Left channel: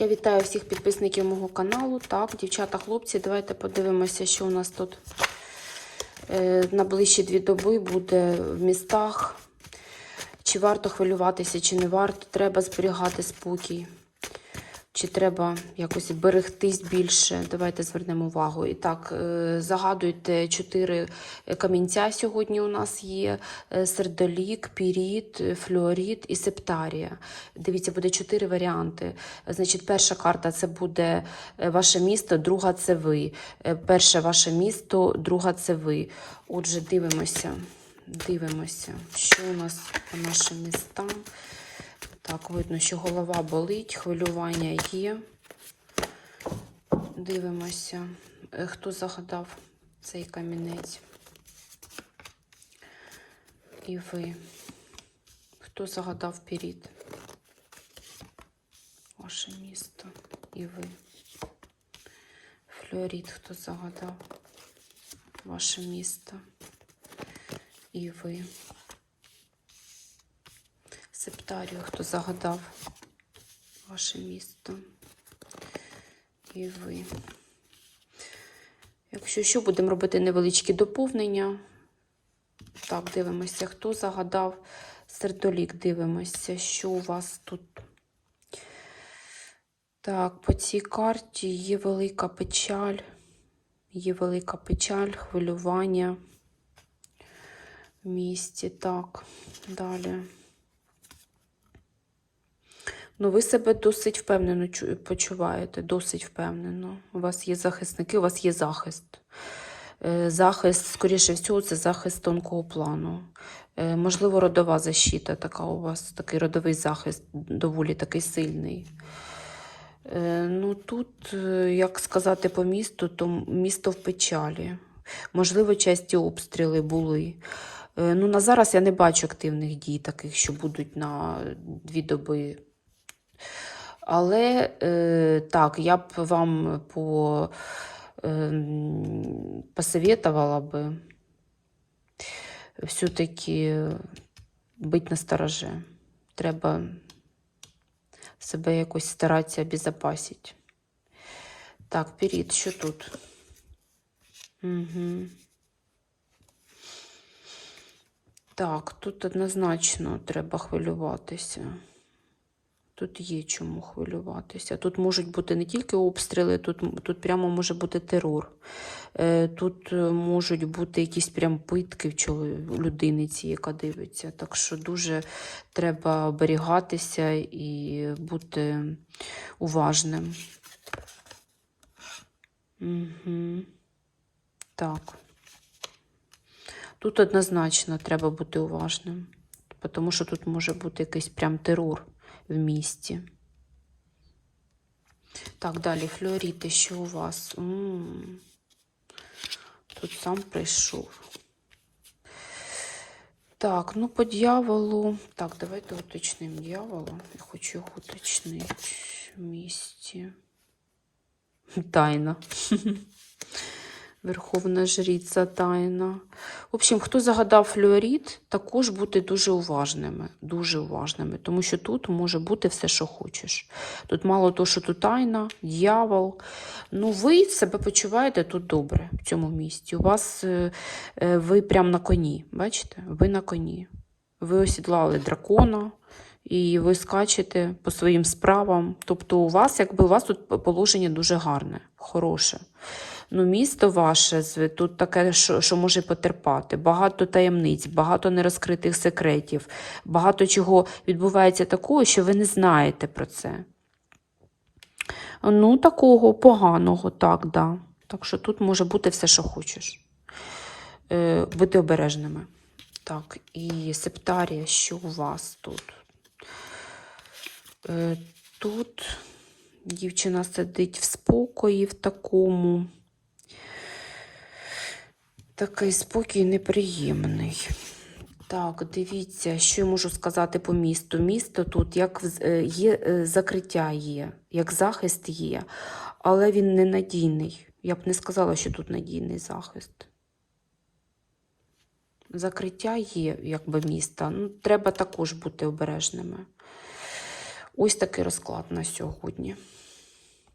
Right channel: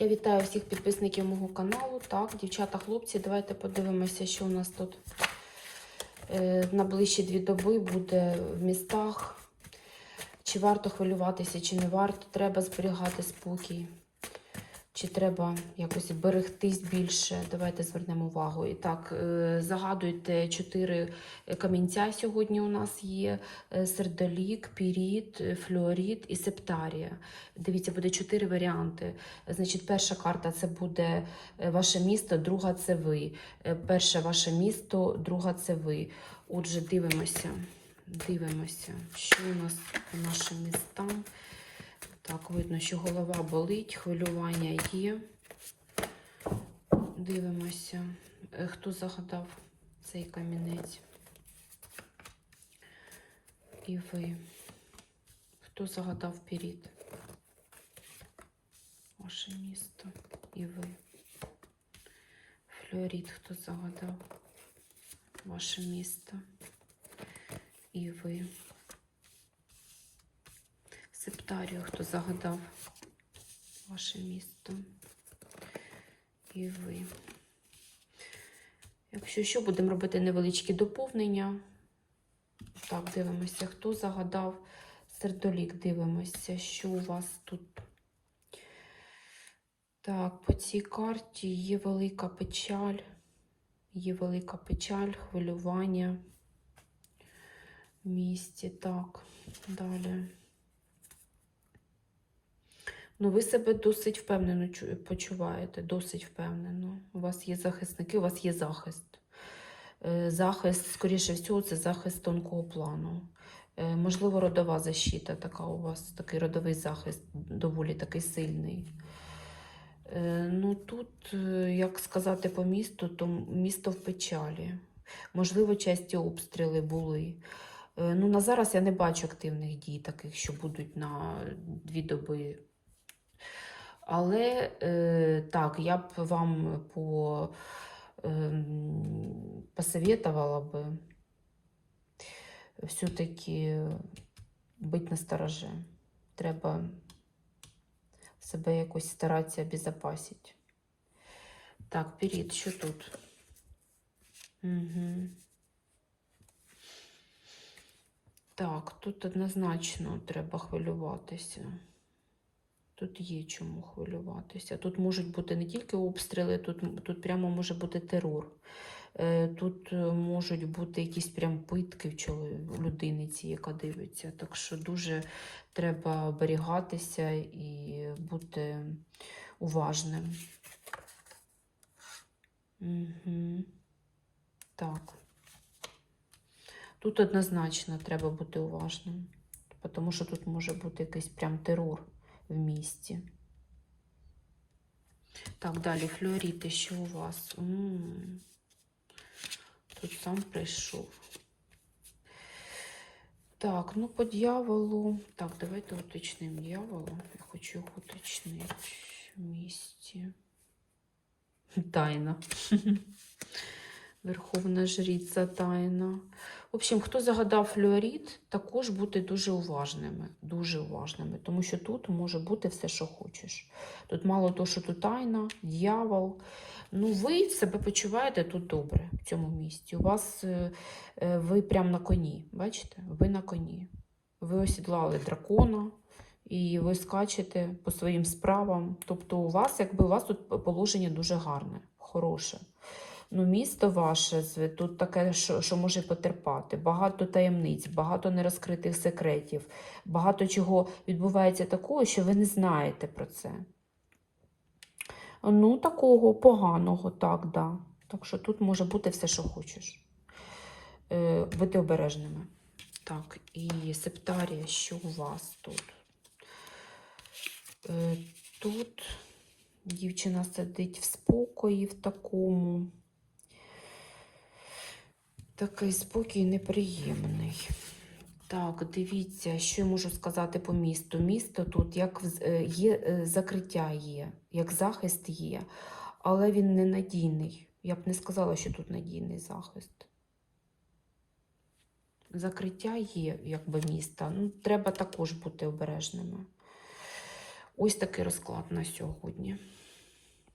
Я вітаю всіх підписників мого каналу. Так, дівчата, хлопці, давайте подивимося, що у нас тут е, на ближчі дві доби буде в містах. Чи варто хвилюватися, чи не варто. Треба зберігати спокій. Чи треба якось берегтись більше? Давайте звернемо увагу. І так, е, загадуйте чотири камінця сьогодні у нас є: Е, сердолік, піріт, флюоріт і септарія. Дивіться, буде чотири варіанти. Значить, перша карта це буде е, ваше місто, друга це ви. Перше ваше місто, друга це ви. Отже, дивимося. Дивимося, що у нас по нашим містам. Так, видно, що голова болить, хвилювання є. Дивимося, Е, хто загадав цей камінець. І ви. Хто загадав перід? Ваше місто. І ви. Флорід, хто загадав? Ваше місто. І ви. Септарію, хто загадав ваше місто. І ви. Якщо що, будемо робити невеличкі доповнення. Так, дивимося, хто загадав сердолік. Дивимося, що у вас тут. Так, по цій карті є велика печаль. Є велика печаль, хвилювання в місті. Так, далі. Ну, ви себе досить впевнено почуваєте, досить впевнено. У вас є захисники, у вас є захист. Е, Захист, скоріше всього, це захист тонкого плану. Е, Можливо, родова защита така у вас, такий родовий захист, доволі такий сильний. Е, Ну, тут, як сказати по місту, то місто в печалі. Можливо, часті обстріли були. Ну, на зараз я не бачу активних дій, таких, що будуть на дві доби. Але е, так, я б вам по, е, посоветовала би все-таки бути на стороже. Треба себе якось старатися обезопасити. Так, перед, що тут? Угу. Так, тут однозначно треба хвилюватися. Тут є чому хвилюватися. Тут можуть бути не тільки обстріли, тут, тут прямо може бути терор. Е, Тут е, можуть бути якісь прям питки в людини, ці, яка дивиться. Так що дуже треба оберігатися і бути уважним. Угу. Так. Тут однозначно треба бути уважним, тому що тут може бути якийсь прям терор в місті. Так, далі флюоріти, що у вас? м Тут сам прийшов. Так, ну по дьяволу. Так, давайте уточнимо дьявола. Я хочу його уточнити в місті. Тайна. Верховна жриця тайна. В общем, хто загадав флюорит, також бути дуже уважними. Дуже уважними, тому що тут може бути все, що хочеш. Тут мало того, що тут тайна, дьявол. Ну, ви себе почуваєте тут добре в цьому місті. У вас е, е, ви прям на коні. Бачите? Ви на коні. Ви осідлали дракона. І ви скачете по своїм справам. Тобто, у вас, якби у вас тут положення дуже гарне, хороше. Ну, місто ваше тут таке, що, що може потерпати. Багато таємниць, багато нерозкритих секретів, багато чого відбувається такого, що ви не знаєте про це. Ну, такого поганого, так, да. Так що тут може бути все, що хочеш. Е, будьте обережними. Так, і септарія, що у вас тут? Е, тут дівчина сидить в спокої в такому. Такий спокій неприємний. Так, дивіться, що я можу сказати по місту. Місто тут як е, є е, закриття є, як захист є, але він ненадійний. Я б не сказала, що тут надійний захист. Закриття є, якби міста. Ну, треба також бути обережними. Ось такий розклад на сьогодні.